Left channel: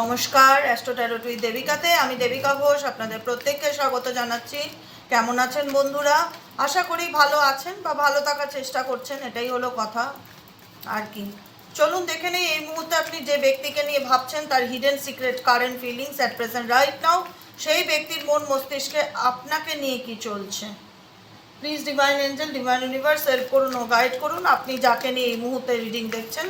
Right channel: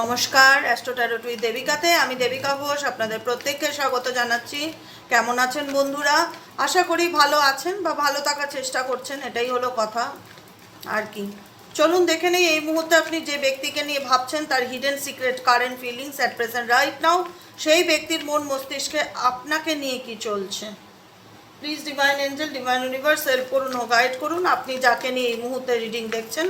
নমস্কার, astro tarot with দেবিকাতে আমি দেবিকা ঘোষ আপনাদের প্রত্যেককে স্বাগত জানাচ্ছি। কেমন আছেন বন্ধুরা? আশা করি ভালো আছেন বা ভালো থাকার চেষ্টা করছেন, এটাই হলো কথা। আর কি, চলুন দেখে নেই এই মুহূর্তে আপনি যে ব্যক্তিকে নিয়ে ভাবছেন তার hidden secret current feelings at present right now. সেই ব্যক্তির মন মস্তিষ্কে আপনাকে নিয়ে কি চলছে। Please divine angel, divine universe help করুন ও গাইড করুন। আপনি যাকে নিয়ে এই মুহূর্তে রিডিং দেখছেন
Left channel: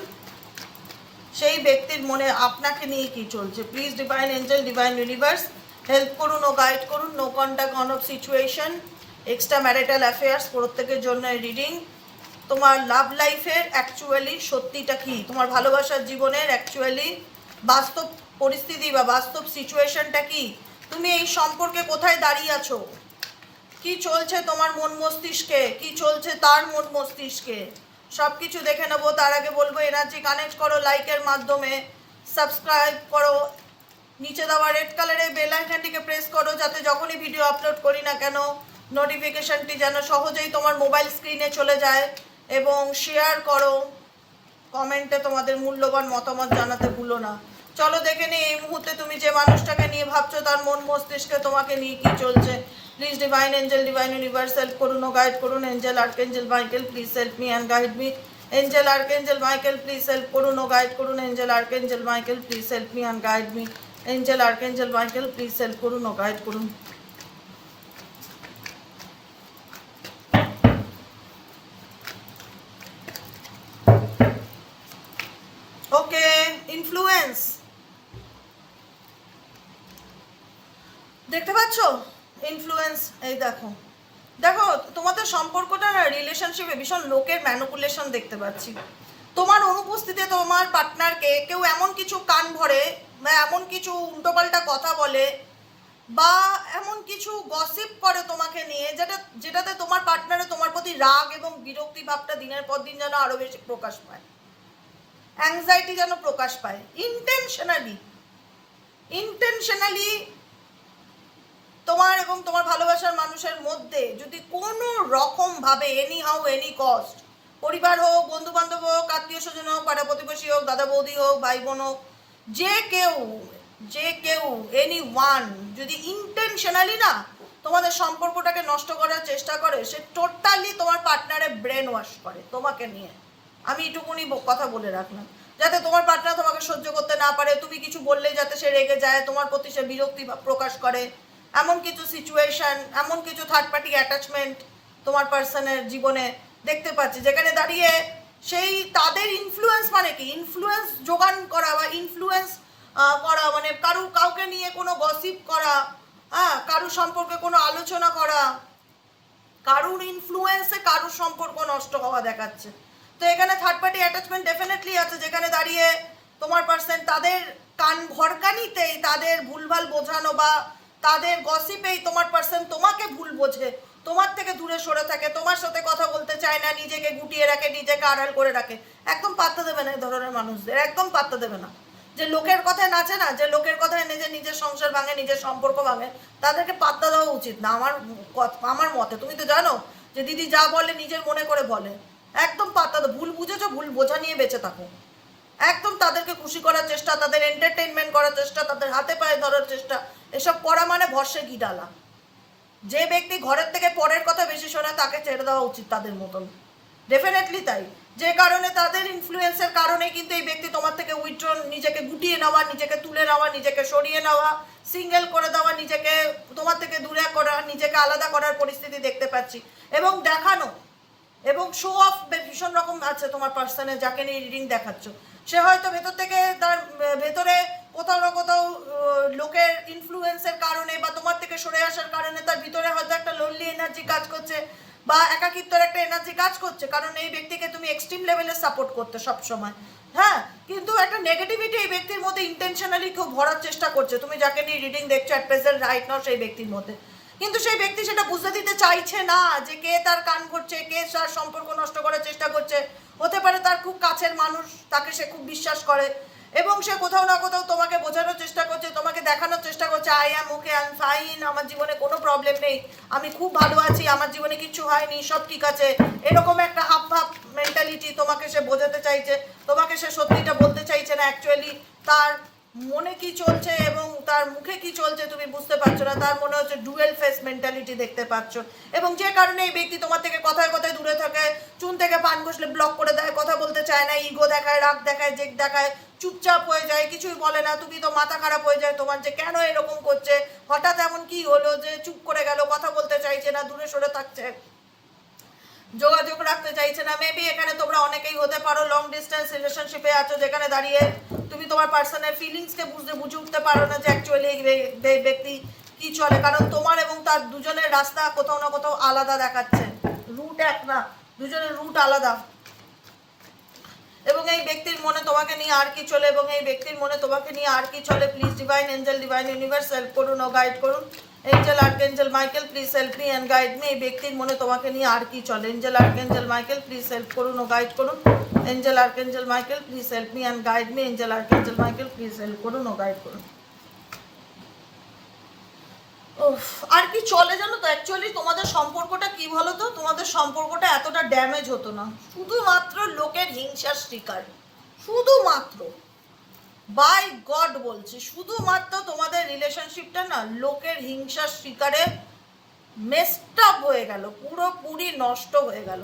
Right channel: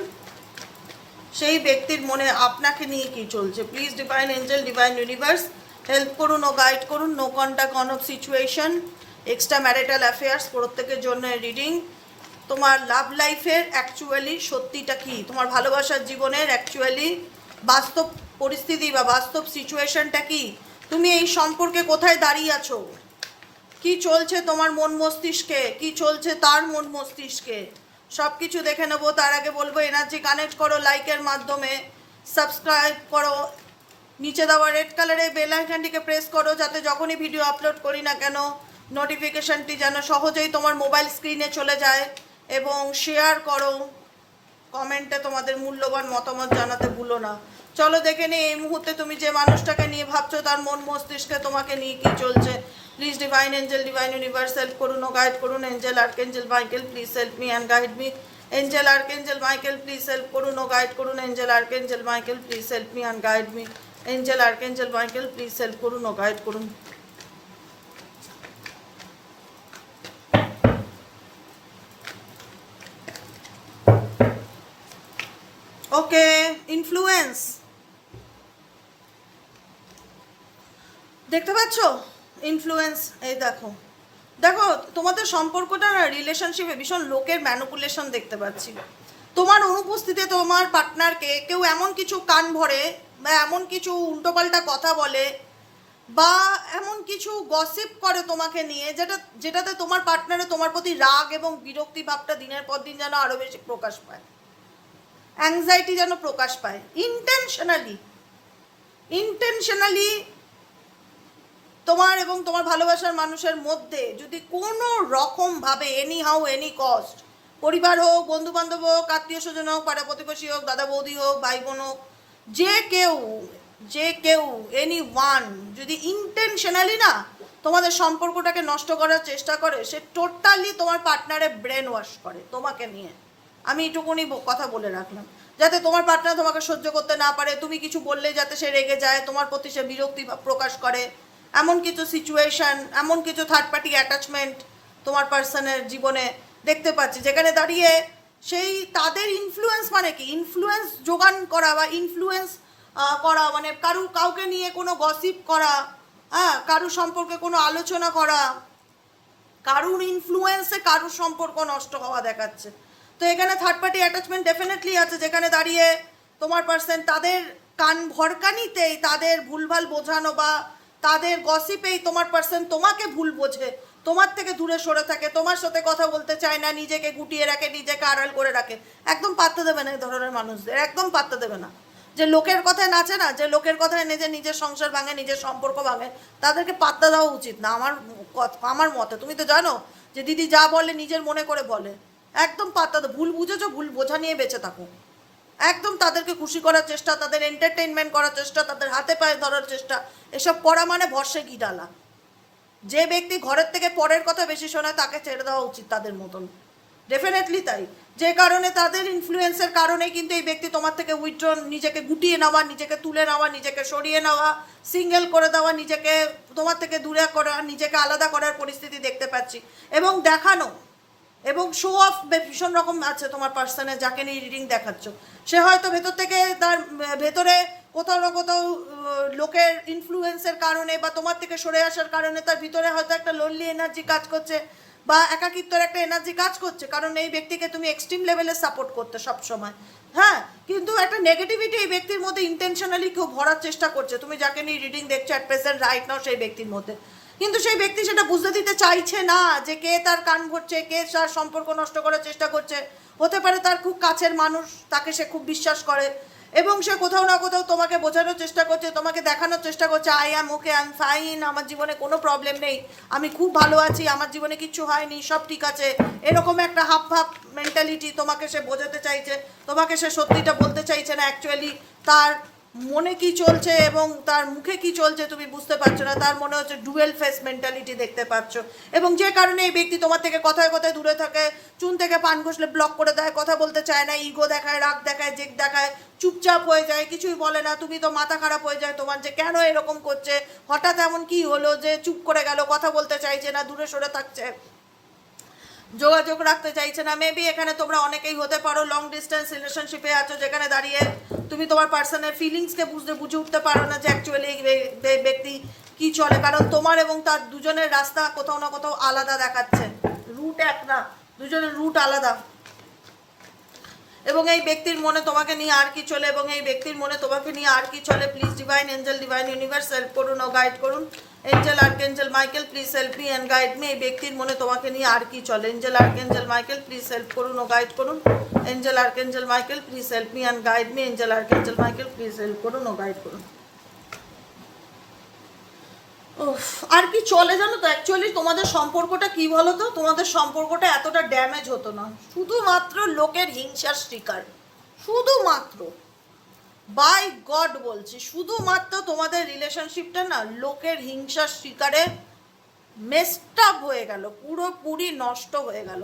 সেই ব্যক্তির মনে আপনাকে নিয়ে কি চলছে। Please divine angel, divine universe help করুন ও গাইড করুন। No contact, on off situation, extra marital affairs প্রত্যেকের জন্য রিডিং। তোমার লাভ লাইফের অ্যাকচুয়ালি সত্যিটা কি, তোমার ভালোবাসার জীবনের অ্যাকচুয়ালি বাস্তব পরিস্থিতি বা বাস্তব সিচুয়েশনটা কি, তুমি এই সম্পর্কে কোথায় দাঁড়িয়ে আছো, কি চলছে তোমার মন মস্তিষ্কে, কি চলছে তার মন মস্তিষ্কে, সব কিছু দেখে নেবো। তার আগে বলবো এনার্জি কানেক্ট করো লাইকের মাধ্যমে, সাবস্ক্রাইব করো, নিচে দেওয়া রেড কালারের বেল আইকনটিকে প্রেস করো যাতে যখনই ভিডিও আপলোড করি না কেন নোটিফিকেশনটি যেন সহজেই তোমার মোবাইল স্ক্রিনে চলে যায়। এবং শেয়ার করো, কমেন্টে তোমাদের মূল্যবান মতামত জানাতে ভুলো না। চলো দেখে নিই এই মুহূর্তে তুমি যে মানুষটাকে নিয়ে ভাবছো তার মন মস্তিষ্কে তোমাকে নিয়ে কি চলছে। Please divine angel, divine universe help করুন ও গাইড করুন। Angel archangel Michael please help me and guide me. Angel archangel Michael please help করুন ও গাইড করুন। Angel archangel Michael please help me and guide me. Angel archangel Michael please help করুন ও guide করুন। ওকে, influence দেখতে পাচ্ছ, influence. এই দেখো দেখো তোমাদের সম্পর্কটা না, রিলেশনশিপে ভীষণ লোকের ম্যানিপুলেশন দেখতে পাচ্ছি। তোমার অনুপস্থিতিতে তোমার পার্টনারকে কেউ এমন কিছু কান ভরে বা এমন কিছু উল্টোপাল্টা কথা বলে বা এমন কিছু গসিপ করে তোমাকে নিয়ে যেটাতে তোমার পার্টনারে তোমার প্রতি রাগ এবং বিরক্তি ভাবটা দিনের পর দিন যেন আরো বেশি প্রকাশ পায়, অ্যাংজাইটি যেন প্রকাশ পায়। ইন্টেনশনালি তোমার এবং তোমার ভালোবাসার মানুষের মধ্যে যদি কোনো রকম ভাবে এনি হাউ এনি কস্ট, পরিবার হোক, বন্ধু বান্ধব হোক, আত্মীয় স্বজন হোক, পাড়া প্রতিবেশী হোক, দাদা বৌদি হোক, ভাই বোন হোক, যে কেউ এনি ওয়ান যদি ইন্টেনশনালি না তোমাদের সম্পর্কটাকে নষ্ট করার চেষ্টা করে, সে টোটালি তোমার পার্টনারে ব্রেন ওয়াশ করে তোমাকে নিয়ে। আমি এটুকুনি কথা বলে রাখলাম, যাতে তোমার পার্টনার তোমাকে সহ্য করতে না পারে, তুমি কিছু বললে যাতে সে রেগে যায়, তোমার প্রতি সে বিরক্তি প্রকাশ করে, এমন কিছু সিচুয়েশন, এমন কিছু থার্ড পার্টি অ্যাটাচমেন্ট তোমার পার্সনের জীবনে দেখতে পাচ্ছি, যেখানে দাঁড়িয়ে সেই তাদের ইনফ্লুয়েন্স, মানে কি ইনফ্লুয়েন্স যোগান করা বা ইনফ্লুয়েন্স করা, মানে কাউকে নিয়ে কোনো গসিপ করা, কারুর সম্পর্কে কোনো আলোচনা করা, কারুর ইনফ্লুয়েন্সে কারুর সম্পর্ক নষ্ট হওয়া দেখাচ্ছে। তো এখানে থার্ড পার্টি অ্যাটাচমেন্ট ডেফিনেটলি আছে, যেখানে দাঁড়িয়ে তোমার পার্সন তাদের কান ভরকানিতেই, তাদের ভুলভাল বোঝানো বা তাদের গসিপেই তোমার পার্সন তোমাকে ভুল বোঝে, তোমার থেকে দূরে সরে থাকে, তোমার সাথে কথা বলতে চায় না, নিজেকে গুটিয়ে রাখে, নিজেকে আড়াল করে রাখে। একদম পাত্তা দেবে না এই ধরনের মানুষদের, একদম পাত্তা দেবে না। যে লোকের কথায় নাচে না, যে লোকের কথায় নিজের সংসার ভাঙে, নিজের সম্পর্ক ভাঙে, তাদেরকে পাত্তা দেওয়া উচিত না আমার মতে। তুমি তো জানো যে দিদি যা বলে নিজের মনে করে বলে, একদম পাত্তা দাও। ভুল বুঝেছো, ভুল বোঝা নিয়ে বেঁচে থাকো। একদম তাদেরকে খুশি করার চেষ্টা, তাদের এন্টারটেইনমেন্ট করার চেষ্টা, তাদের হাতে পায়ে ধরার চেষ্টা, এসব করা মানে ভরসে গি ডালা। যে ব্যক্তি ঘরের থেকে পরের কথা বেশি শোনায় তাকে ছেড়ে দেওয়া উচিত তাদের মতন, ডেফিনেটলি তাই। যে কারণে তাদের ইনফ্লুয়েন্সের কারণে কিন্তু এই ব্যক্তি তোমার থেকে উইথড্রন, নিজেকে গুটিয়ে নেওয়া, নিজেকে তুলে নেওয়া, নিজেকে সরিয়ে নেওয়া, সিঙ্গেল করে দেওয়া, নিজেকে তোমার থেকে দূরে করা, নিজেকে আলাদা করার পরিস্থিতি দেখতে পাচ্ছি। এবং দেখানো এবং শো অফ ভীষণ রকম আছে তোমার পার্সনে, যাকে নিয়ে রিডিং দেখাচ্ছ। সে হয়তো ভেতর থেকে তার ভেতরে কোথাও না কোথাও লোকের ইনফ্লুয়েন্সের কারণে বা তোমার থেকে সরে আসার কারণে তার ভিতরে হয়তো একটা লোনলি এনার্জি কাজ করছে বা একাকিত্বের একটা এনার্জি কাজ করছে, কারণ এই ব্যক্তিকে তুমি এক্সট্রিম লেভেলে সাপোর্ট করতে সবসময়। হ্যাঁ, কিন্তু একটা নেগেটিভিটি এই ব্যক্তির মধ্যে ইন্টেনশনালি কেউ ভরার চেষ্টা করছে, তুমি যাকে নিয়ে রিডিং দেখছো অ্যাট প্রেজেন্ট রাইট নাও সেই ব্যক্তির মধ্যে। কিন্তু সেই ব্যক্তি সেটা বুঝতে দিতে চাইছে না যে কে তার কান ভরছে, কে তার সম্পর্ক নষ্ট করার চেষ্টা করছে। হতে পারে তার খুব কাছের মানুষ, তাকে সে খুব বিশ্বাস করে এবং সে কোথাও না কোথাও তোমাকে বোঝানোর চেষ্টা করছে, তোমাকে দেখানোর চেষ্টা করছে I am okay, I am fine, আমার জীবনে কোনো প্রবলেম নেই, আমি খুব ভালো আছি, আমার জীবনে কিচ্ছু হয়নি, সব ঠিক আছে, এরকম একটা হাব ভাব মেন্টালিটি তোমাকে সে বোঝাতে চাইছে। তোমাকে সে সত্যিটা বলতে চাইছে না, অ্যাকচুয়ালি তার মনে কি চলছে এবং তার মুখে কি চলছে তুমি বুঝতে পারছো না। তার মনে হচ্ছে ডুয়েল ফেস মেন্টালিটি দেখতে পাচ্ছ, এবং যে কারণে এই ব্যক্তি তোমার থেকে কথায় কথায় দূরে থাকে, চুন থেকে পান ঘষলে ব্লক করে দেয়, কথা বলতে চায় না, ইগো দেখায়, রাগ দেখায়, জেদ দেখায়, চুপচাপ হয়ে যায়, কিছুই বলে না। তুমি তো মাথা খারাপ হয়ে যায় তোমার, যে কেন এরকম করছে, হঠাৎ এমন কি হলো যে চুপ করে গেল, কথা বলতে চাইছে না, দূরে সরে থাকছে, যোগাযোগ রাখতে চাইছে না। মেবি এখানে তোমরা অনেকেই হতে পারো লং ডিস্টেন্স রিলেশনশিপে আছো, যেখানে দাঁড়িয়ে তুমি তোমার পার্সনের ফিলিংসকে বুঝে উঠতে পারো না যে অ্যাকচুয়ালি এই ব্যক্তি কি চলে, কারণ তোমার এবং তার দুজনের রাস্তা কোথাও না কোথাও আলাদা দেখাচ্ছে, রুট এক না, দুজনের রুট আলাদা। এবং এই ব্যক্তির মনে তোমাকে নিয়ে আর কি চলে, এবং এই ব্যক্তির মনে তোমাকে নিয়ে আর কি চলে, please divine angel, divine universe help করুন ও গাইড করুন। Angel archangel Michael please help me and guide me. এই ব্যক্তির মনে তোমাকে নিয়ে আর কি চলে, angel archangel Michael please help করুন ও গাইড করুন। Angel archangel Michael please help me and guide me. Angel archangel Michael please help করুন ও গাইড করুন। আর কি চলে জানো তো, অ্যাকচুয়ালি তোমাদের সম্পর্কটা কি বলো তো, তোমাদের সম্পর্কটা এতটা ড্যামেজ হতো না শুধুমাত্র লোকের হিংসার শিকার, শুধুমাত্র, বাই গড বলছি, শুধুমাত্র তোমাদের রিলেশনশিপটা না লোকের হিংসার শিকারে মেসড আপ হয়ে গেল, পুরোপুরি নষ্ট হয়ে গেল।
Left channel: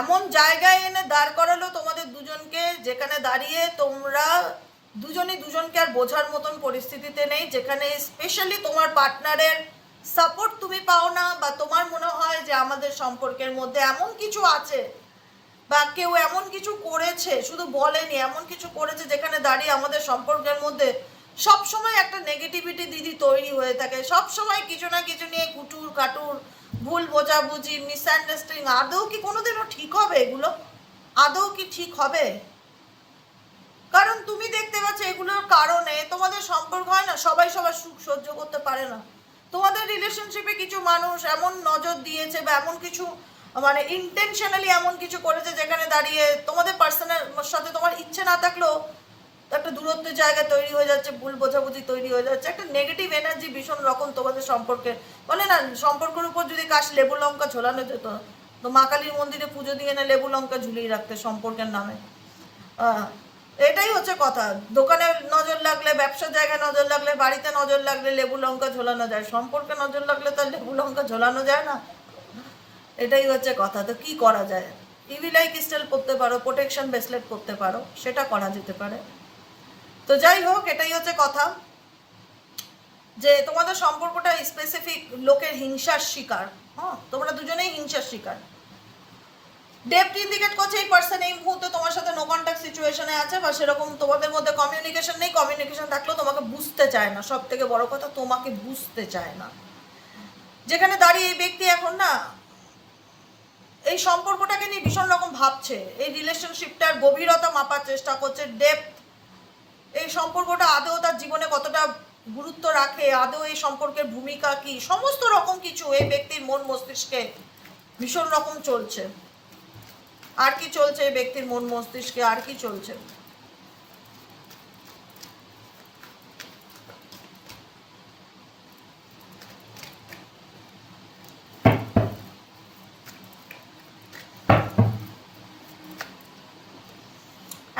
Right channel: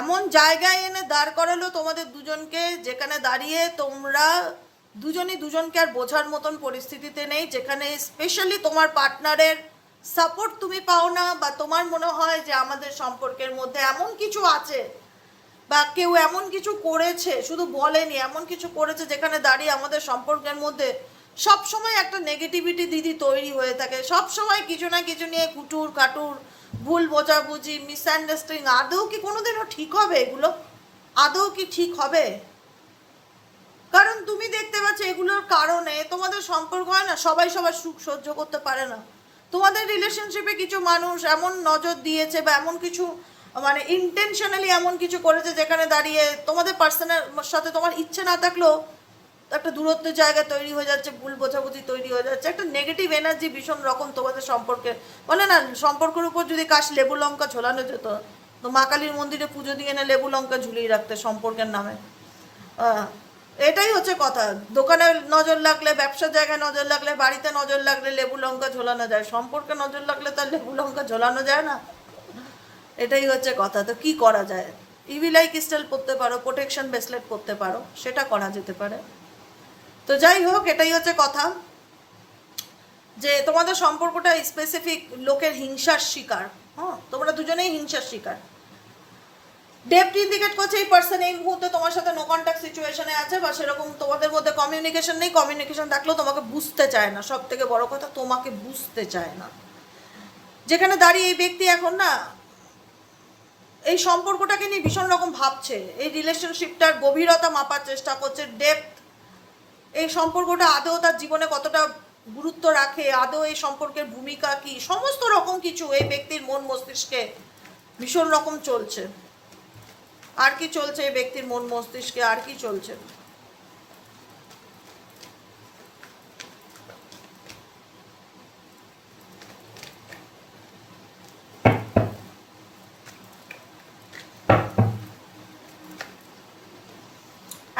এমন জায়গায় এনে দাঁড় করালো তোমাদের দুজনকে, যেখানে দাঁড়িয়ে তোমরা দুজনই দুজনকে আর বোঝার মতন পরিস্থিতিতে নেই, যেখানে স্পেশালি তোমার পার্টনারের সাপোর্ট তুমি পাও না, বা তোমার মনে হয় যে আমাদের সম্পর্কের মধ্যে এমন কিছু আছে, বা কেউ এমন কিছু করেছে, শুধু বলেনি, এমন কিছু করেছে যেখানে দাঁড়িয়ে আমাদের সম্পর্কের মধ্যে সব সময় একটা নেগেটিভিটি দিদি তৈরি হয়ে থাকে, সব সময় কিছু না কিছু নিয়ে কুটুর কাটুর, ভুল বোঝাবুঝি, মিসআন্ডারস্ট্যান্ডিং। আদৌ কি কোনোদিনও ঠিক হবে এগুলো? আদৌ কি ঠিক হবে? কারণ তুমি দেখতে পাচ্ছ এগুলোর কারণে তোমাদের সম্পর্ক হয় না, সবাই সবার সুখ সহ্য করতে পারে না। তোমাদের রিলেশনশিপে কিছু মানুষ এমন নজর দিয়েছে, বা এমন কিছু মানে ইন্টেনশনালি এমন কিছু করেছে, যেখানে দাঁড়িয়ে তোমাদের পার্সনের সাথে তোমার ইচ্ছে না থাকলেও একটা দূরত্বের জায়গা তৈরি হয়ে যাচ্ছে, ভুল বোঝাবুঝি তৈরি হয়ে যাচ্ছে, একটা নেগেটিভ এনার্জি ভীষণ রকম তোমাদের সম্পর্কে। বলে না, সম্পর্কের উপর যদি কাশ লেবু লঙ্কা ঝোলানো যেত, তো মা কালীর মন্দিরে পুজো দিয়ে এনে লেবু লঙ্কা ঝুলিয়ে রাখতে সম্পর্কের নামে। এটাই হচ্ছে কথা। দোকানে নজর লাগলে, ব্যবসার জায়গায় নজর লাগলে, বাড়িতে নজর লাগলে লেবু লঙ্কা ঝোলানো যায়, সম্পর্কে নজর লাগলে তো লেবু লঙ্কা ঝোলানো যায় না। এটাই হচ্ছে কথা। তো কি করা যায়? ইভিলাই ক্রিস্টাল পড়তে পারো, প্রোটেকশন ব্রেসলেট পড়তে পারো, সেটা করা যেতে পারে। তো যাই হোক, এটাই হচ্ছে কথা, যে তোমাদের সম্পর্কটা স্পেসিফিক লোকের হিংসার শিকার। তোমরা দুজনেই হিংসার শিকার। ডেপথ ইন্ডিকেট করছে এই পার্সন এই মুহূর্তে তোমার সাথে নো কন্ট্যাক্ট সিচুয়েশনে আছে, বা সেরকম তোমাদের মধ্যে কমিউনিকেশন নেই। কমিউনিকেশন থাকলেও তোমাকে বুঝতে চায় না, সব থেকে বড় কথা তোমাকে বুঝতে চায় না। যেখানে দাঁড়িয়ে এই ব্যক্তি এখন না এই সম্পর্কটাকে নিয়ে ভীষণ রকম ভাবছে, এই রিলেশনশিপটার গভীরতা মাপার চেষ্টা করছে, ডেপথ, এই সম্পর্কটা আদৌ তার জীবনে কতটা গুরুত্ব রাখে, আদৌ এই সম্পর্কের ভূমিকা কি, সমস্ত রকম কিছু এই ব্যক্তির মন মস্তিষ্কে ভীষণ রকম চলছে। আর কি চলছে এই ব্যক্তির মন মস্তিষ্কে, আর কি চলছে?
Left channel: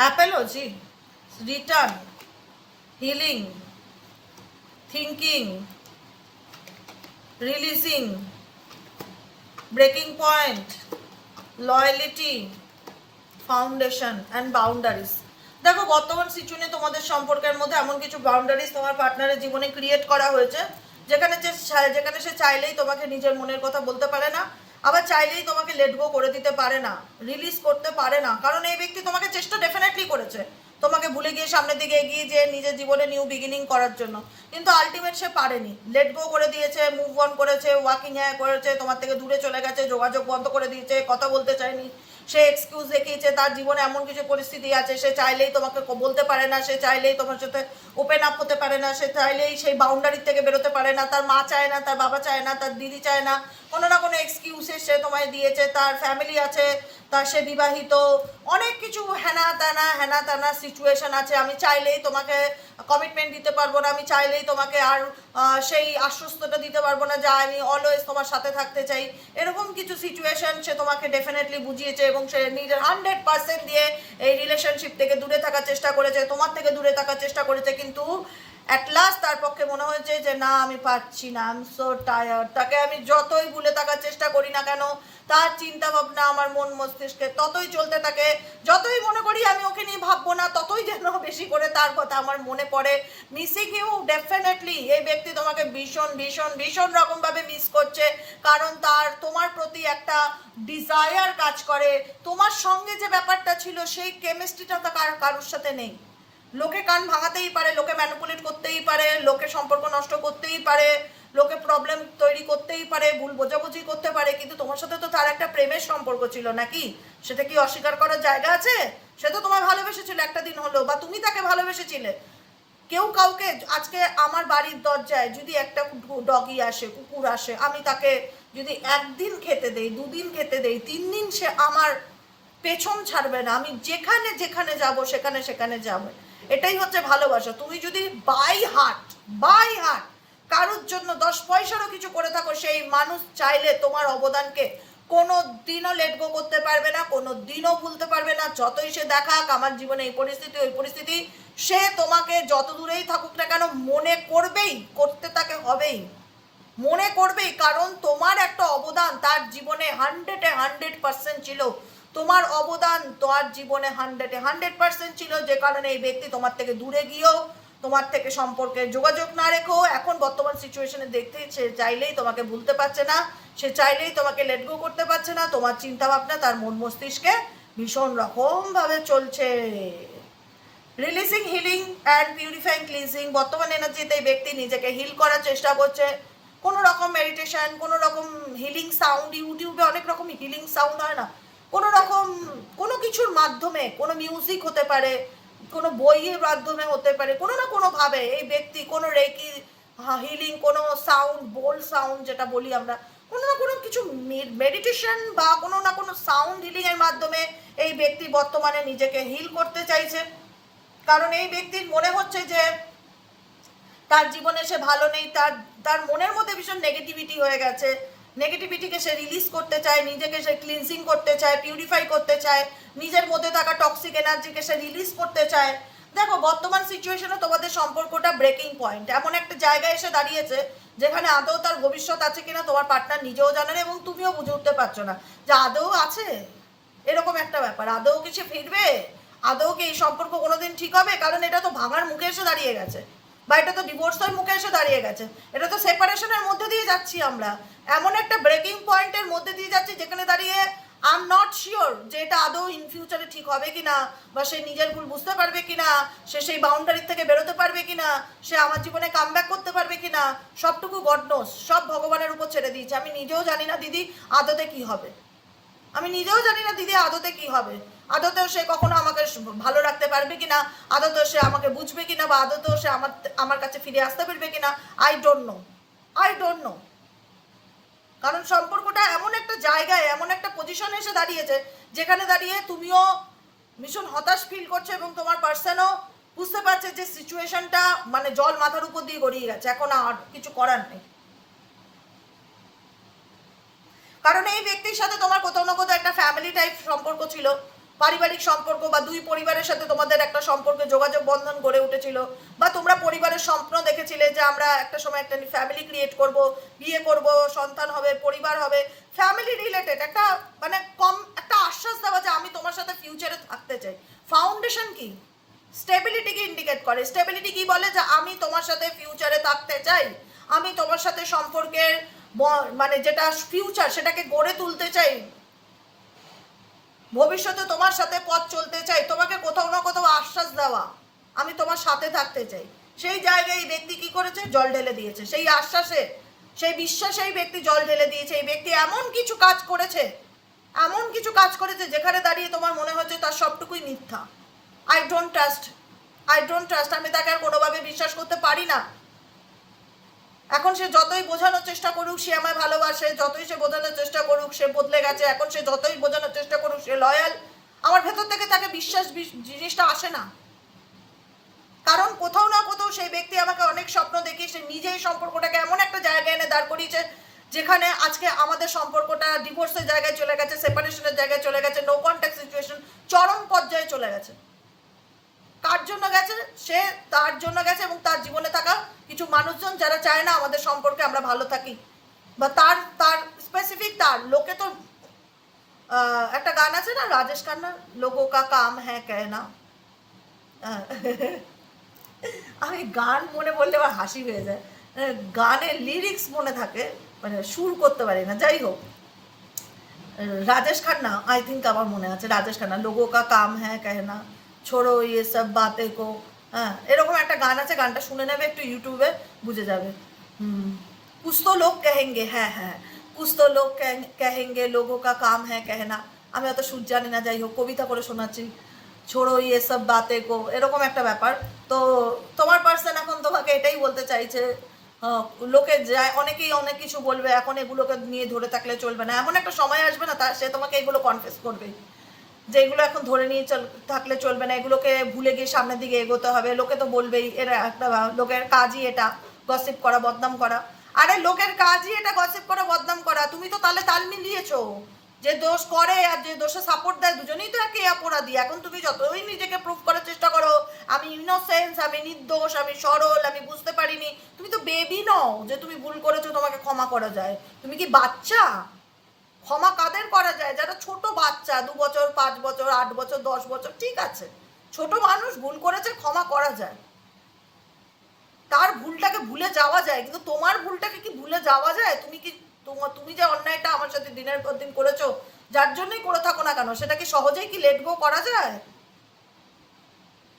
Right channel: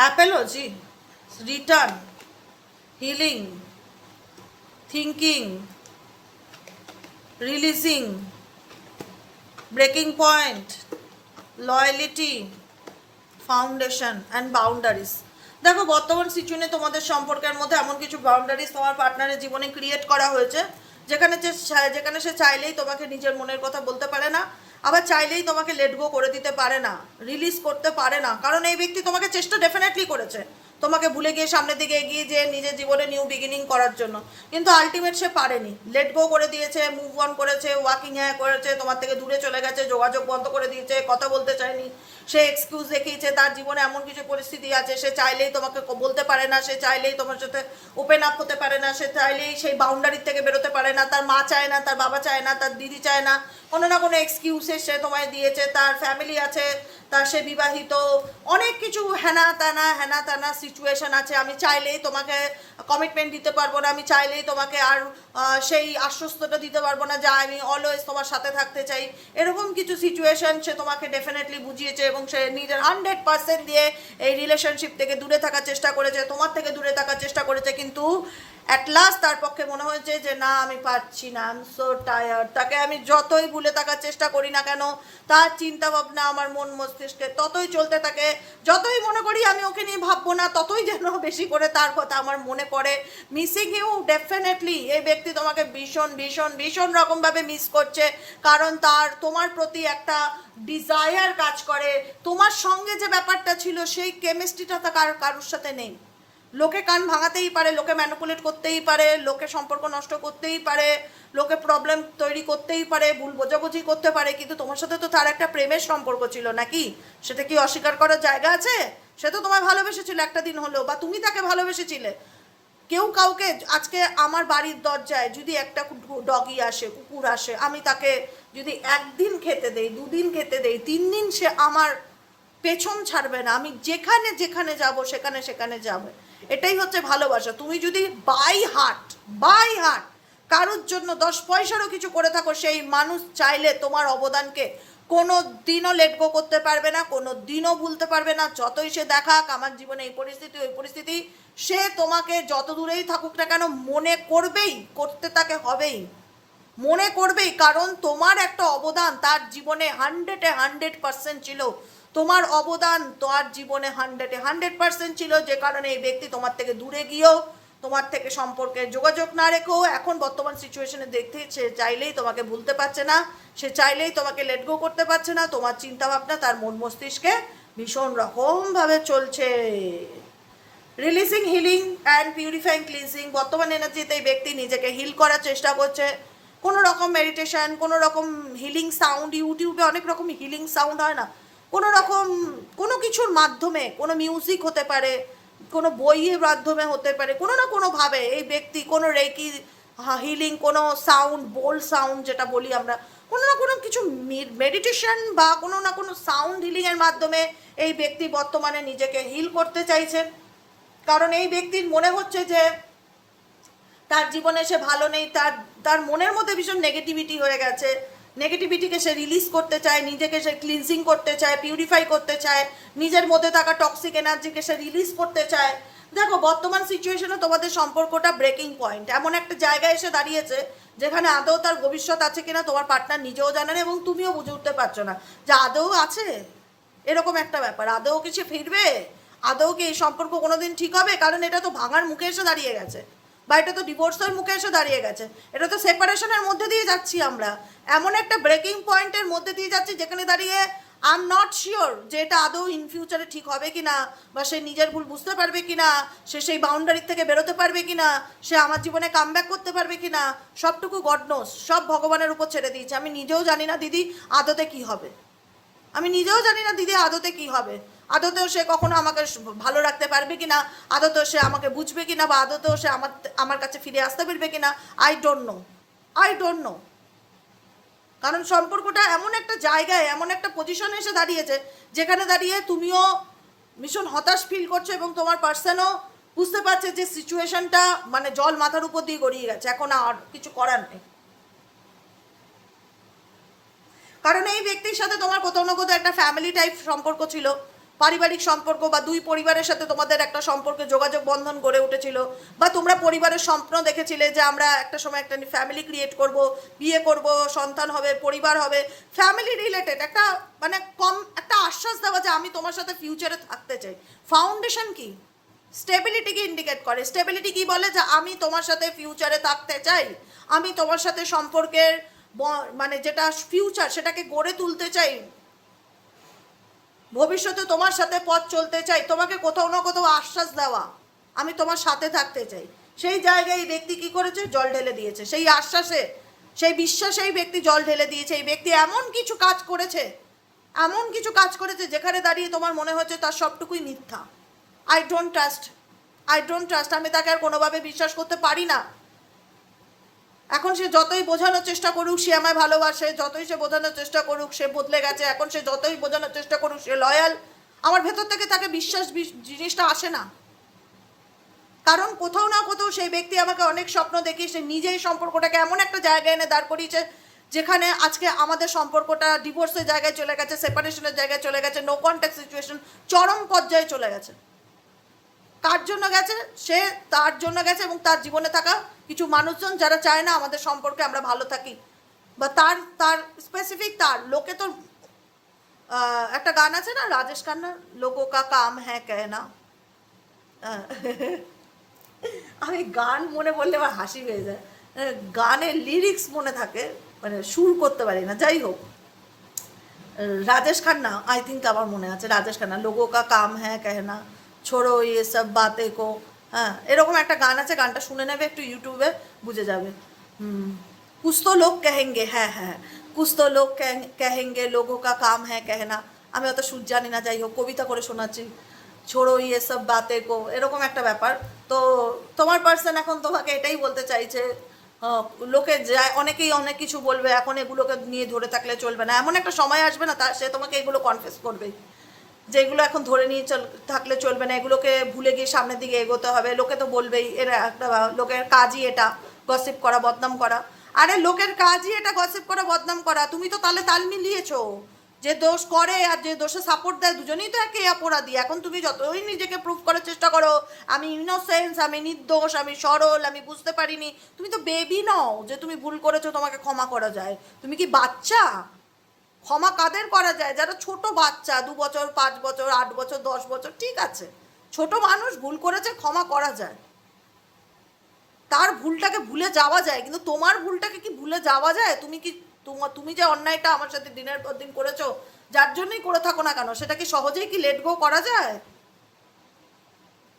Apology, return, healing, thinking, releasing, breaking point, loyalty, foundation and boundaries. দেখো, বর্তমান সিচুয়েশনে তোমাদের সম্পর্কের মধ্যে এমন কিছু বাউন্ডারিজ তোমার পার্টনারের জীবনে ক্রিয়েট করা হয়েছে, যেখানে সে চাইলেই তোমাকে নিজের মনের কথা বলতে পারে না, আবার চাইলেই তোমাকে লেট গো করে দিতে পারে না, রিলিজ করতে পারে না। কারণ এই ব্যক্তি তোমাকে চেষ্টা ডেফিনেটলি করেছে তোমাকে ভুলে গিয়ে সামনের দিকে এগিয়ে যেয়ে নিজের জীবনে নিউ বিগিনিং করার জন্য, কিন্তু আলটিমেট সে পারেনি, লেট গো করে দিয়েছে, মুভ অন করেছে, ওয়াকিং করেছে, তোমার থেকে দূরে চলে গেছে, যোগাযোগ বন্ধ করে দিয়েছে, কথা বলতে চায়নি, সে এক্সকিউজ দেখিয়েছে। তার জীবনে এমন কিছু পরিস্থিতি আছে, সে চাইলেই তোমাকে বলতে পারে না, সে চাইলেই তোমার সাথে ওপেন আপ হতে পারে না, সে চাইলেই সেই বাউন্ডারি থেকে বেরোতে পারে না, তার মা চায় না, তার বাবা চায় না, তার দিদি চায় না, কোনো না কোনো এক্সকিউজে সে তোমায় দিয়েছে, তার ফ্যামিলি আছে, তার সে বিবাহিত, অনেক কিছু হেনা তেনা সিচুয়েশন আছে। আমি চাইলেই তোমাকে কমিটমেন্ট দিতে পারবো না, আমি চাইলেই তোমাকে আর সেই আশ্বস্তটা দিতে পারবো না যে আমি অলওয়েজ তোমার সাথে থাকতে চাই। এরকম কিছু সিচুয়েশন সে তোমাকে ডেফিনেটলি বুঝিয়েছে এবং সে নিজের 100% দিয়ে এই রিলেশনশিপ থেকে দূরে থাকার চেষ্টা করেছে, তোমার থেকে দূরে থাকার চেষ্টা করেছে, কিন্তু অ্যাট লাস্ট তার পক্ষে মনে হয়েছে যে না আমি পারছি না, আই এম সো টায়ার্ড। তাকে আমি যতই ভুলে থাকার চেষ্টা করি না কেন, তার চিন্তা ভাবনা আমার মন মস্তিষ্কে ততই চলতে থাকে। যতই মনে করি আমি ওকে নিয়ে ভাববো না, ততই যেন বেশি করে তার কথা আমার মনে পড়ে। মিসিং ইউ, ডেফিনেটলি এই ব্যক্তি তোমাকে ভীষণ ভীষণ ভীষণ রকমভাবে মিস করছে, কারণ তার তোমার প্রতি একটা ডিজায়ার কাজ করে। তোমার সঙ্গে যে ব্যাপারটা ছিল সেই কেমিস্ট্রিটা তো কারোর সাথে নেই। লোকে কান ভাঙাতেই পারে, লোকে ম্যানিপুলেট করতেই পারে, লোকে সম্পর্ক নষ্ট করতেই পারে, লোকে প্রবলেম তৈরি করতেই পারে, ভুল বোঝাবুঝি করতে পারে, কিন্তু তোমার সাথে তো তার একটা প্রেমের সম্পর্ক ছিল নাকি? সেটা কি অস্বীকার করার জায়গা আছে? সে তো তোমায় ভালোবেসেছিল একটা দিন হলো, বা তুমি তাকে ভালোবেসেছিলে। কেউ কাউকে, আজকে আমার বাড়ির দরজায় যদি একটা ডগি আসে, কুকুর আসে, আমি তাকে যদি একদিন খেতে দেই, দুদিন খেতে দেই, 3 দিন সে আমার পেছন ছাড়বে না। আমি যেখানে যেখানে যাব সেখানে সেখানে যাবে। এটাই হচ্ছে ভালোবাসা। তুমি যদি বাই হার্ট কারোর জন্য 10 পয়সারও কিছু করে থাকো, সেই মানুষ চাইলে তোমার অবদানকে কোনো দিনও লেট গো করতে পারবে না, কোনো দিনও ভুলতে পারবে না। যতই সে দেখাক আমার জীবনে এই পরিস্থিতি ওই পরিস্থিতি, সে তোমাকে যত দূরেই থাকুক না কেন মনে করবেই, করতে তাকে হবেই, মনে করবেই, কারণ তোমার একটা অবদান তার জীবনে 100% ছিল। তোমার অবদান তোমার জীবনে 100% ছিল, যে কারণে এই ব্যক্তি তোমার থেকে দূরে গিয়েও, তোমার থেকে সম্পর্কে যোগাযোগ না রেখেও, এখন বর্তমান সিচুয়েশনে দেখতে সে চাইলেই তোমাকে ভুলতে পারছে না, সে চাইলেই তোমাকে লেট গো করতে পারছে না। তোমার চিন্তা ভাবনা তার মন মস্তিষ্কে ভীষণ রকমভাবে চলছে। Releasing, healing and purifying, cleansing, বর্তমান এনার্জিতে এই ব্যক্তি নিজেকে হিল করার চেষ্টা করছে। কোনো রকম মেডিটেশন, কোনো রকম হিলিং সাউন্ড, ইউটিউবে অনেক রকম হিলিং সাউন্ড হয় না, কোনো রকম কোনো কিছুর মাধ্যমে, কোনো মিউজিক হতে পারে, কোনো বইয়ের মাধ্যমে হতে পারে, কোনো না কোনোভাবে এই ব্যক্তি কোনো রেকি হিলিং, কোনো সাউন্ড, বোল্ড সাউন্ড যেটা বলি আমরা, কোনো না কোনো কিছু মেডিটেশন বা কোনো না কোনো সাউন্ড হিলিংয়ের মাধ্যমে এই ব্যক্তি বর্তমানে নিজেকে হিল করতে চাইছে। কারণ এই ব্যক্তির মনে হচ্ছে যে তার জীবনে সে ভালো নেই, তার মনের মধ্যে ভীষণ নেগেটিভিটি হয়ে গেছে। নেগেটিভিটিকে সে রিলিজ করতে চায়, নিজেকে সে ক্লিনজিং করতে চায়, পিউরিফাই করতে চায়, নিজের মধ্যে থাকা টক্সিক এনার্জিকে সে রিলিজ করতে চায়। দেখো বর্তমান সিচুয়েশনে তোমাদের সম্পর্কটা ব্রেকিং পয়েন্ট, এমন একটা জায়গায় এসে দাঁড়িয়েছে যেখানে আদৌ তার ভবিষ্যৎ আছে কিনা তোমার পার্টনার নিজেও জানে না এবং তুমিও বুঝে উঠতে পারছো না যে আদৌ আছে। এরকম একটা ব্যাপার, আদৌ কি সে ফিরবে, আদৌ কি এই সম্পর্ক কোনোদিন ঠিক হবে? কারণ এটা তো ভাঙার মুখে এসে দাঁড়িয়ে গেছে, বা এটা তো ডিভোর্সের মুখে এসে দাঁড়িয়ে গেছে, এটা তো সেপারেশনের মধ্যে দিয়ে যাচ্ছি আমরা, এমন একটা ব্রেকিং পয়েন্টের মধ্যে দিয়ে যাচ্ছি যেখানে দাঁড়িয়ে আই এম নট শিওর যে এটা আদৌ ইন ফিউচারে ঠিক হবে কিনা, বা সে নিজের ভুল বুঝতে পারবে কিনা, সে সেই বাউন্ডারি থেকে বেরোতে পারবে কিনা, সে আমার জীবনে কামব্যাক করতে পারবে কিনা, সবটুকু গড নোস, সব ভগবানের উপর ছেড়ে দিয়েছে। আমি নিজেও জানি না দিদি আদতে কি হবে, আমি নিজেও জানি না দিদি আদতে কি হবে, আদতেও সে কখনো আমাকে ভালো রাখতে পারবে কিনা, আদতেও সে আমাকে বুঝবে কিনা, বা আদতেও সে আমার কাছে ফিরে আসতে পারবে কিনা, আই ডোন্ট নো। কারণ সম্পর্কটা এমন একটা জায়গায়, এমন একটা পজিশনে এসে দাঁড়িয়েছে যেখানে দাঁড়িয়ে তুমিও ভীষণ হতাশ ফিল করছো এবং তোমার পার্সনও বুঝতে পারছে যে সিচুয়েশনটা মানে জল মাথার উপর দিয়ে গড়িয়ে গেছে, এখন আর কিছু করার নেই। কারণ এই ব্যক্তির সাথে তোমার কোথাও না কোথাও একটা ফ্যামিলি টাইপ সম্পর্ক ছিল, পারিবারিক সম্পর্ক, বা দুই পরিবারের সাথে তোমাদের একটা সম্পর্কে যোগাযোগ বন্ধন গড়ে উঠেছিল, বা তোমরা পরিবারের স্বপ্ন দেখেছিলে যে আমরা একটা সময় একটা ফ্যামিলি ক্রিয়েট করব, বিয়ে করব, সন্তান হবে, পরিবার হবে, ফ্যামিলি রিলেটেড একটা মানে একটা আশ্বাস দেওয়া যে আমি তোমার সাথে ফিউচারে থাকতে চাই। ফাউন্ডেশন কি? স্টেবিলিটিকে ইন্ডিকেট করে। স্টেবিলিটি কি বলে? যে আমি তোমার সাথে ফিউচারে থাকতে চাই, আমি তোমার সাথে সম্পর্কের মানে যেটা ফিউচার সেটাকে গড়ে তুলতে চাই, ভবিষ্যতে তোমার সাথে পথ চলতে চাই, তোমাকে কোথাও না কোথাও আশ্বাস দেওয়া আমি তোমার সাথে থাকতে চাই। সেই জায়গায় এই ব্যক্তি কি করেছে? জল ঢেলে দিয়েছে। সেই আশ্বাসে, সেই বিশ্বাসে এই ব্যক্তি জল ঢেলে দিয়েছে। এই ব্যক্তি এমন কিছু কাজ করেছে যেখানে দাঁড়িয়ে তোমার মনে হচ্ছে তার সবটুকুই মিথ্যা। I don't trust I don't trust, আমি তাকে আর কোনোভাবে বিশ্বাস করতে পারি না। এখন সে যতই বোঝানোর চেষ্টা করুক সে আমায় ভালোবাসে, যতই সে বোঝানোর চেষ্টা করুক সে বদলে গেছে, এখন সে যতই বোঝানোর চেষ্টা করুক সে লয়াল, আমার ভেতর থেকে তাকে বিশ্বাস জিনিসটা আসে না। কারণ কোথাও না কোথাও সেই ব্যক্তি আমাকে অনেক স্বপ্ন দেখিয়ে সে নিজেই সম্পর্কটাকে এমন একটা জায়গায় এনে দাঁড় করিয়েছে যেখানে আজকে আমাদের সম্পর্কটা ডিভোর্সের জায়গায় চলে গেছে, সেপারেশনের জায়গায় চলে গেছে, নো কন্ট্যাক্ট সিচুয়েশন চরম পর্যায়ে চলে গেছে। কার জন্য গেছে? সে তার জন্য গেছে এবং তার জীবনে থাকা কিছু মানুষজন যারা চায় না আমাদের সম্পর্কে আমরা ভালো থাকি, বা তার তার স্পেসিফিক তার লোকে তো একটা গান আছে না রাজেশ খান্নার, লোগো কা কাম হ্যাঁ কেনা। আমি গান মনে বললে আমার হাসি হয়ে যায়, গানের লিরিক্স মনে থাকে, মানে সুর করতে পারি না। যাই হোক, রাজেশ খান্না आई थिंक আমার মনে আছে, রাজেশ খান্না লোগো কা কাম হ্যাঁ কেনা ছোড়ো ইয়ে সব বাতে কো, হ্যাঁ এরকম একটা গান আছে, গানটা শুনে নেবে একটু ইউটিউবে, বুঝে যাবে। कुछ तो लोग कहेंगे, হ্যাঁ হ্যাঁ कुछ तो लोग कहेंगे लोगों का काम है कहना। আমি অত সুর জানি না, যাই হোক কবিতা করে শোনাচ্ছি, ছোড়ো ইয়ে সব বাতে কো, এরকম একটা ব্যাপার। তো তোমার পার্সন এখন তোমাকে এটাই বলতে চাইছে, লোকে যায় অনেকেই অনেক কিছু বলবে, এখন এগুলোকে নিয়ে ধরে থাকলে চলবে না, এমন একটা সময় আসবে না সে তোমাকে এগুলো কনফেস করবে যে এগুলো এখন ধরে নিয়ে থাকলে চলবে না, এগুলোকে ভুলে গিয়ে সামনের দিকে এগোতে হবে। লোকে তো বলবেই, এরা একটা লোকের কাজই এটা গসিপ করা, বদনাম করা। আরে লোকের কাজই এটা গসিপ করা, বদনাম করা। তুমি তো তাহলে তাল মিলিয়েছো, যে দোষ করে আর যে দোষে সাপোর্ট দেয় দুজনেই তো একই অপরাধী। এখন তুমি যতই নিজেকে প্রুভ করার চেষ্টা করো আমি ইনোসেন্স, আমি নির্দোষ, আমি সরল, আমি বুঝতে পারিনি, তুমি তো বেবি নও যে তুমি ভুল করেছো তোমাকে ক্ষমা করা যায়। তুমি কি বাচ্চা? ক্ষমা কাদের করা যায়? যারা ছোট বাচ্চা, 2 বছর 5 বছর 8 বছর 10 বছর, ঠিক আছে ছোট মানুষ ভুল করেছে, ক্ষমা করা যায়, তার ভুলটাকে ভুলে যাওয়া যায়। কিন্তু তোমার ভুলটাকে কি ভুলে যাওয়া যায়? তুমি কি তুমি যে অন্যায়টা আমার সাথে দিনের পর দিন করেছো, যার জন্যই করে থাকো না কেন, সেটা কি সহজেই কি লেট গো করা যায়?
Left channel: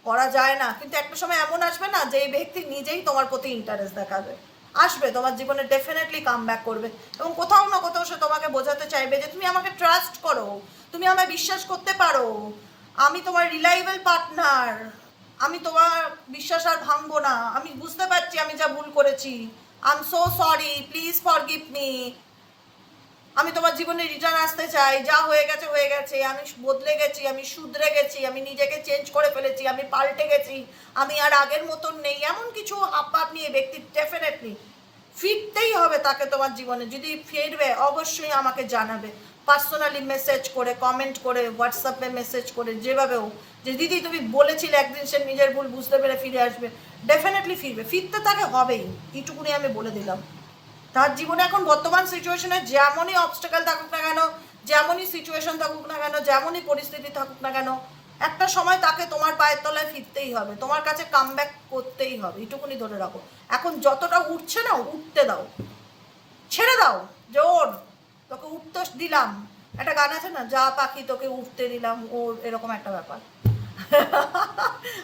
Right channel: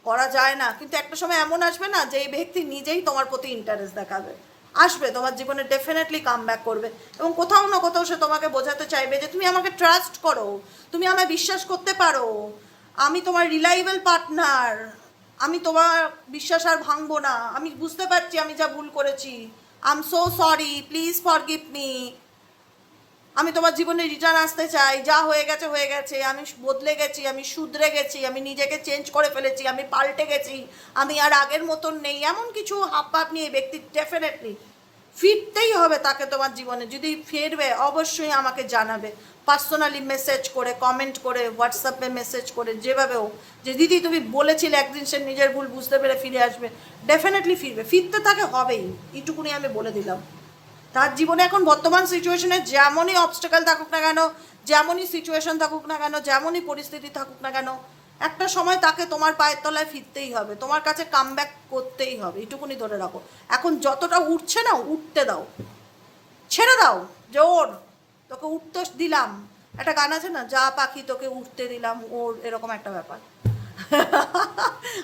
করা যায় না। কিন্তু একটা সময় এমন আসবে না যে এই ব্যক্তি নিজেই তোমার প্রতি ইন্টারেস্ট দেখাবে, আসবে তোমার জীবনে, ডেফিনেটলি কাম ব্যাক করবে এবং কোথাও না কোথাও সে তোমাকে বোঝাতে চাইবে যে তুমি আমাকে ট্রাস্ট করো, তুমি আমায় বিশ্বাস করতে পারো, আমি তোমার রিলায়েবল পার্টনার, আমি তোমার বিশ্বাস আর ভাঙবো না, আমি বুঝতে পারছি আমি যা ভুল করেছি, I am so sorry, please forgive me, আমি তোমার জীবনে রিটার্ন আসতে চাই, যা হয়ে গেছে হয়ে গেছে, আমি বদলে গেছি, আমি শুধরে গেছি, আমি নিজেকে চেঞ্জ করে ফেলেছি, আমি পাল্টে গেছি, আমি আর আগের মতন নেই, এমন কিছু হাবভাব নিয়ে ব্যক্তি ডেফিনেটলি ফিরতেই হবে তাকে তোমার জীবনে। যদি ফিরবে অবশ্যই আমাকে জানাবে, পার্সোনালি মেসেজ করে, কমেন্ট করে, হোয়াটসঅ্যাপে মেসেজ করে, যেভাবে হোক, যে দিদি তুমি বলেছিলে একদিন সে নিজের ভুল বুঝতে পেরে ফিরে আসবে। ডেফিনেটলি ফিরবে, ফিরতে তাকে হবেই, এইটুকুনি আমি বলে দিলাম। তার জীবনে এখন বর্তমান সিচুয়েশনে যেমনই অবস্টাকেল থাকুক না কেন, যেমনই সিচুয়েশন থাকুক না কেন, যেমনই পরিস্থিতি থাকুক না কেন, একটা সময় তাকে তোমার পায়ের তলায় ফিরতেই হবে, তোমার কাছে কাম ব্যাক করতেই হবে, এইটুকুনি ধরে রাখো। এখন যতটা উঠছে না উঠতে দাও, ছেড়ে দাও যে ওর, তোকে উঠতে দিলাম, একটা গান আছে না, যা পাখি তোকে উঠতে দিলাম, ওর এরকম একটা ব্যাপার।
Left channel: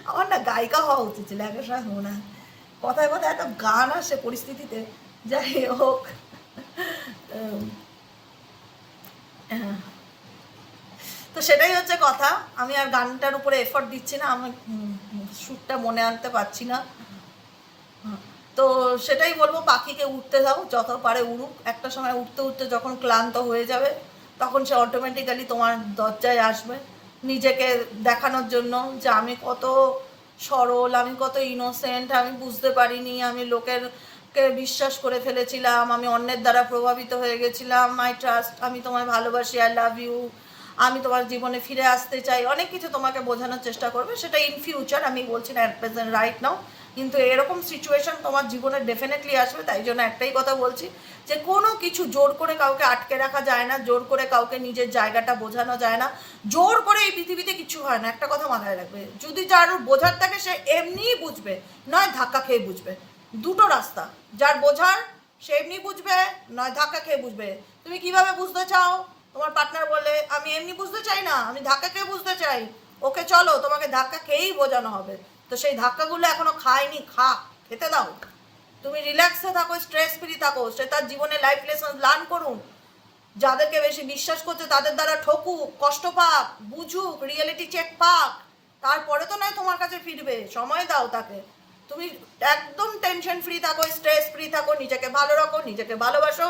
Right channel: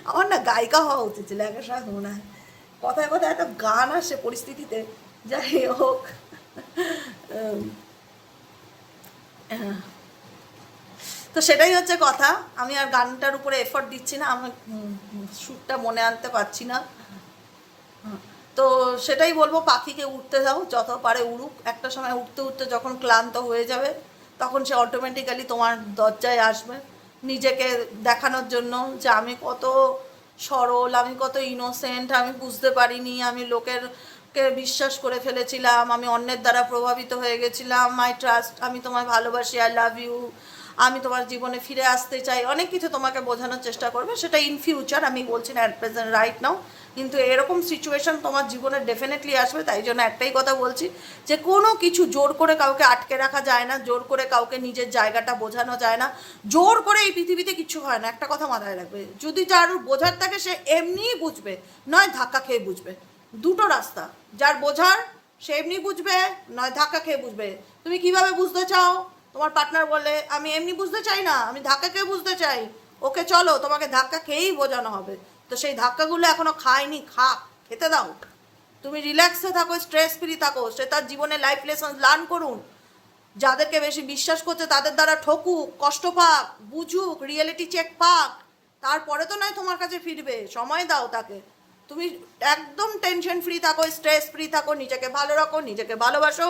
আমার না গায়িকা হওয়া উচিত ছিল একটা সময়, মনে হয় কথায় কথায় একটা গান আসে পরিস্থিতিতে। যাই হোক, তো সেটাই হচ্ছে কথা। আমি আর গানটার উপরে এফর্ট দিচ্ছি না, আমি সুরটা মনে আনতে পারছি না। তো সেটাই বলবো, পাখিকে উঠতে দাও, যত পারে উড়ুক, একটা সময় উঠতে উঠতে যখন ক্লান্ত হয়ে যাবে তখন সে অটোমেটিক্যালি তোমার দরজায় আসবে নিজেকে দেখানোর জন্য যে আমি কত সরল, আমি কত ইনোসেন্ট, আমি বুঝতে পারিনি, আমি লোকেরকে বিশ্বাস করে ফেলেছিলাম, আমি অন্যের দ্বারা প্রভাবিত হয়ে গেছিলাম, মাই ট্রাস্ট, আমি তোমায় ভালোবাসি, আই লাভ ইউ, আমি তোমার জীবনে ফিরে আসতে চাই, অনেক কিছু তোমাকে বোঝানোর চেষ্টা করবে। সেটা ইন ফিউচার, আমি বলছি না অ্যাট প্রেজেন্ট রাইট নাও, কিন্তু এরকম সিচুয়েশন তোমার জীবনে ডেফিনেটলি আসবে। তাই জন্য একটাই কথা বলছি, যে কোনো কিছু জোর করে কাউকে আটকে রাখা যায় না, জোর করে কাউকে নিজের জায়গাটা বোঝানো যায় না, জোর করে এই পৃথিবীতে কিছু হয় না। একটা কথা মাথায় রাখবে, যদি যার বোঝার থাকে সে এমনিই বুঝবে, নয় ধাক্কা খেয়ে বুঝবে। দুটো রাস্তা, যার বোঝার সে এমনি বুঝবে, নয় ধাক্কা খেয়ে বুঝবে। তুমি কিভাবে বুঝতে চাও? তোমার পার্টনার বলে আমি এমনি বুঝতে চাই না, আমি ধাক্কা খেয়ে বুঝতে চাই, ওকে চলো তোমাকে ধাক্কা খেয়েই বোঝানো হবে। তো সেই ধাক্কাগুলো এখনো খায়নি, খেতে দাও, তুমি রিল্যাক্সে থাকো, স্ট্রেস ফ্রি থাকো, সে তার জীবনে লাইফ লেসন লার্ন করুন, যাদেরকে বেশি বিশ্বাস করছে তাদের দ্বারা ঠকুক, কষ্ট পাক, বুঝুক, রিয়েলিটি চেক পাক, তারপরে তো নয় তোমার কাছে ফিরবে, সময় দাও তাকে। তুমি একদম টেনশন ফ্রি থাকো, স্ট্রেস ফ্রি থাকো, নিজেকে ভালো রাখো, নিজেকে ভালোবাসো,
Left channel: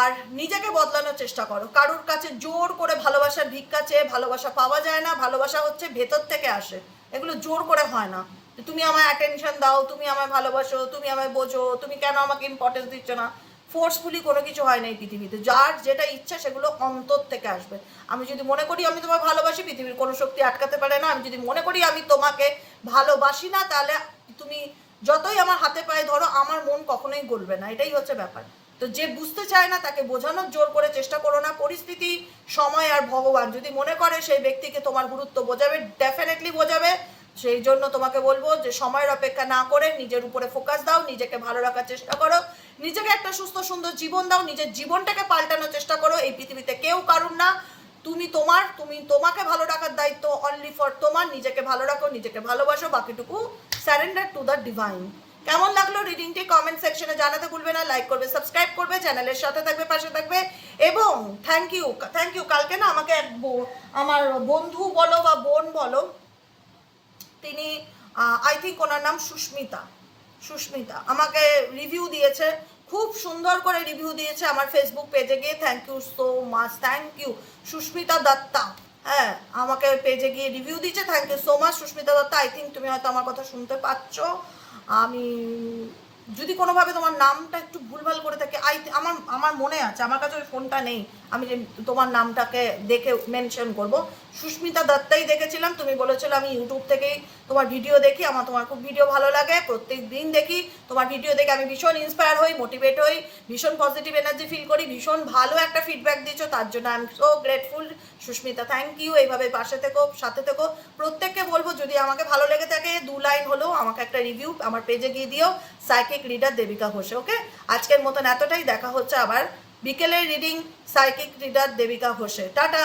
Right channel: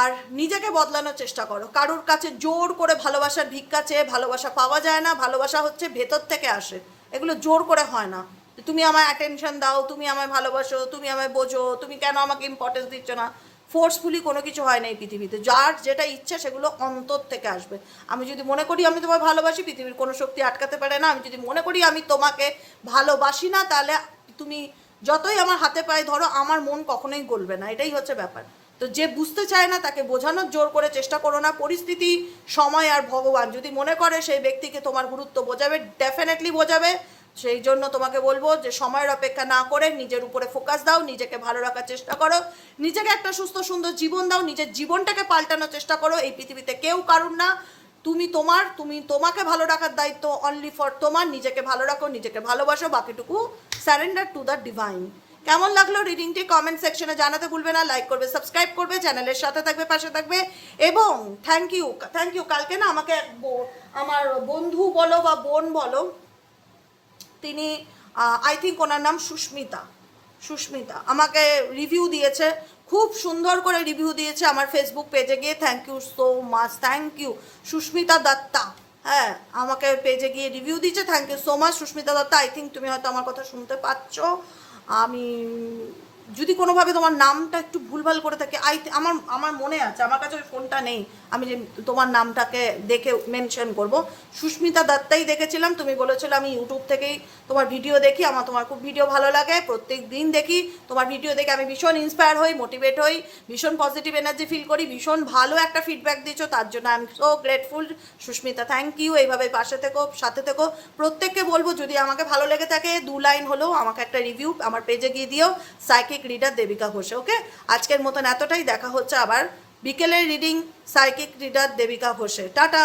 আর নিজেকে বদলানোর চেষ্টা করো। কারোর কাছে জোর করে ভালোবাসার ভিক্ষা চেয়ে ভালোবাসা পাওয়া যায় না। ভালোবাসা হচ্ছে ভেতর থেকে আসে, এগুলো জোর করে হয় না। তুমি আমায় অ্যাটেনশন দাও, তুমি আমায় ভালোবাসো, তুমি আমায় বোঝো, তুমি কেন আমাকে ইম্পর্টেন্স দিচ্ছ না। ফোর্সফুলি কোনো কিছু হয় না এই পৃথিবীতে। যার যেটা ইচ্ছা সেগুলো অন্তর থেকে আসবে। আমি যদি মনে করি আমি তোমায় ভালোবাসি, পৃথিবীর কোনো শক্তি আটকাতে পারে না। আমি যদি মনে করি আমি তোমাকে ভালোবাসি না, তাহলে তুমি যতই আমার হাতে পায়ে ধরো, আমার মন কখনোই গলবে না। এটাই হচ্ছে ব্যাপার। তো যে বুঝতে চায় না তাকে বোঝানোর জোর করে চেষ্টা করো না। পরিস্থিতি, সময় আর ভগবান যদি মনে করে সেই ব্যক্তিকে তোমার গুরুত্ব বোঝাবে, ডেফিনেটলি বোঝাবে। সেই জন্য তোমাকে বলবো যে সময়ের অপেক্ষা না করে নিজের উপরে ফোকাস দাও, নিজেকে ভালো রাখার চেষ্টা করো, নিজেকে একটা সুস্থ সুন্দর জীবন দাও, নিজের জীবনটাকে পাল্টানোর চেষ্টা করো। এই পৃথিবীতে কেউ কারুর না, তুমি তোমার, তুমি তোমাকে ভালো রাখার দায়িত্ব অনলি ফর তোমার। নিজেকে ভালো রাখো, নিজেকে ভালোবাসো, বাকিটুকু স্যারেন্ডার টু দ্য ডিভাইন। কেমন লাগলো রিডিংটি কমেন্ট সেকশনে জানাতে ভুলবে না। লাইক করবে, সাবস্ক্রাইব করবে, চ্যানেলের সাথে থাকবে, পাশে থাকবে। এবং থ্যাংক ইউ, থ্যাংক ইউ। কালকে না আমাকে এক আমার বন্ধু বলো বা বোন বলো, তিনি আই থিঙ্ক ওনার নাম সুস্মিতা, সুস্মিতা আমাকে রিভিউ দিয়েছে, খুব সুন্দর করে রিভিউ দিয়েছে আমার ফেসবুক পেজে গিয়ে। Thank you so much, thank you Susmita Datta. হ্যাঁ, আমাকে পেজে গিয়ে রিভিউ দিয়েছে, thank you so much Susmita Datta. I think তুমি হয়তো আমার কথা শুনতে পাচ্ছ। আমি যদি কোনোভাবে তোমার নামটা একটু ভুলভাল করে থাকি, আমার আমার মনে আছে, আমার কাছে ওই ফোনটা নেই, আমি যে তোমার নামটাকে দেখে মেনশন করব। সুস্মিতা দত্তাই দেখেছিলাম, তুমি বলেছিলে আমি ইউটিউব থেকেই তোমার ভিডিও দেখি, আমার তোমার খুব ভিডিও ভালো লাগে, প্রত্যেক দিন দেখি তোমার ভিডিও দেখে আমি ভীষণ ইন্সপায়ার হই, মোটিভেট হই, ভীষণ পজিটিভ এনার্জি ফিল করি, ভীষণ ভালো একটা ফিডব্যাক দিচ্ছ, তার জন্য I am so grateful Susmita. Thank you. এইভাবে পাশে থেকো, সাথে থেকো। প্রত্যেককে বলবো যদি আমাকে ভালো লেগে থাকে 2 লাইন হলেও আমাকে একটা রিভিউ আমার পেজে গিয়ে দিও, সাইকিক রিডার দেবিকা ঘোষে। ওকে, আজকের মতন এতটাই। দেখা হচ্ছে আবার বিকেলের রিডিং সাইকিক রিডার দেবিকা ঘোষে। টাটা।